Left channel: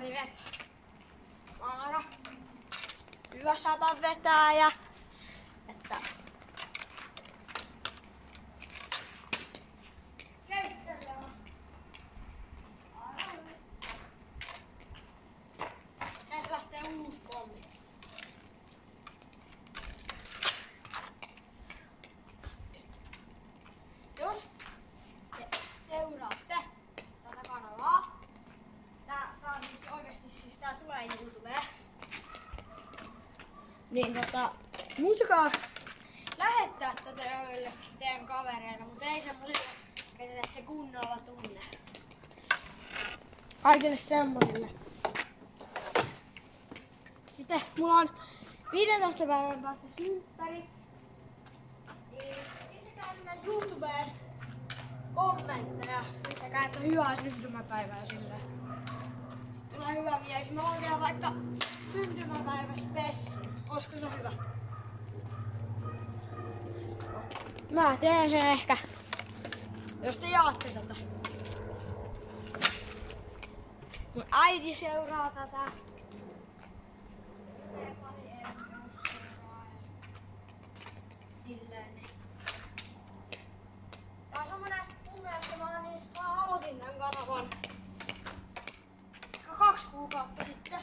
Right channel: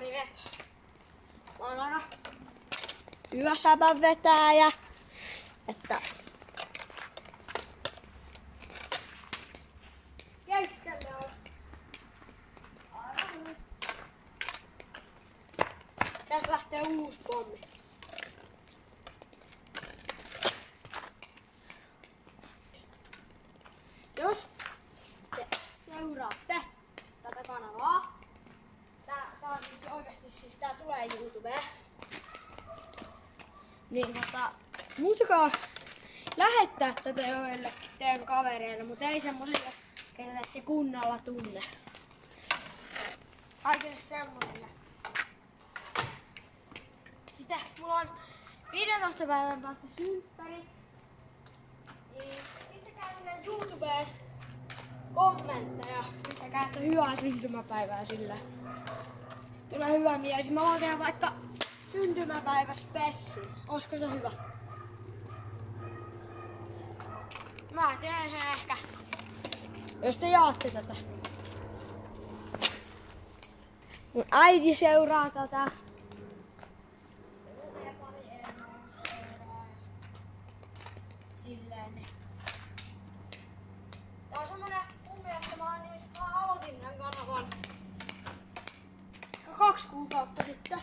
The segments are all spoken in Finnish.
Joni veto. Mä oon aika hyvä säpän vetäjä. Että keskelle on. Tässä lähtee uusi pommi. Jos te seuraatte tätä kanavaa, tää on siis oikeesti siis tää tulee YouTubeen. Niin muistakaa lähettää tätä joillekin teidän kavereille, mutta ei semmosille, ketä ette kunnolla tunne. Kaikille semmosille. Sitten mulla on 15 päivän päästä synttärit. Niin pistäkää sinne YouTubeen kommentteja. Pistäkää, että hyvää syntymäpäivää sille. Sitten tulee hyvä mieli. Mä voin tehdä vaikka syntymäpäiväspessun. Olisiko se hyvä? Mä teen sen ehkä, jos te jaatte tätä. Niin äiti seuraa tätä. Silleen niin. Tää on semmonen mun mielestä mä aloitin tän kanavan 2 kuukautta sitten.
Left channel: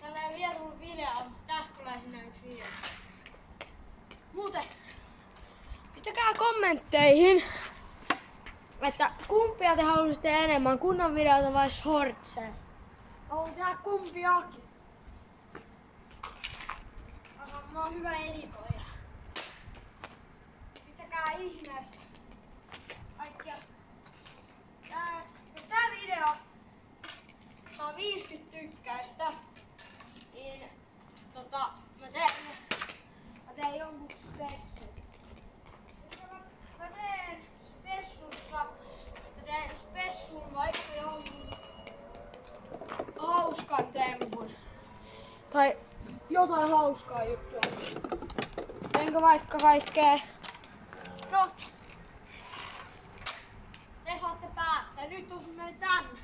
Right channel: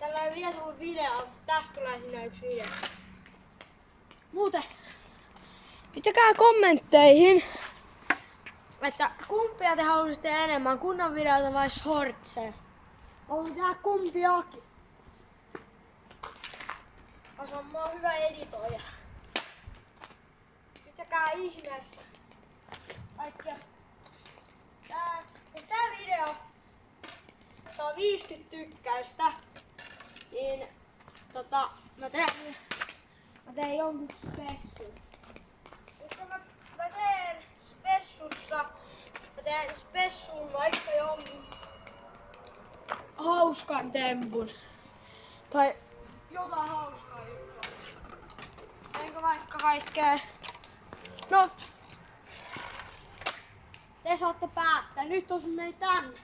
Tällä ei vielä tullut video, mutta tästä tulee sinne yksi video. Muuten pistäkää kommentteihin, että kumpia te haluaisitte enemmän, kunnon videota vai shortseja. Mä voin tehdä kumpiakin. Mä oon hyvä editoija. Pistäkää ihmeessä kaikkia. Jos tää video saa 50 tykkäystä, niin mä teen jonkun spessun. Mä teen spessussa, vaikka jonkun hauskan tempun. Tai jotain hauskaa juttua. Teenkö vaikka kaikkea? No, te saatte päättää. Nyt on menee tänne.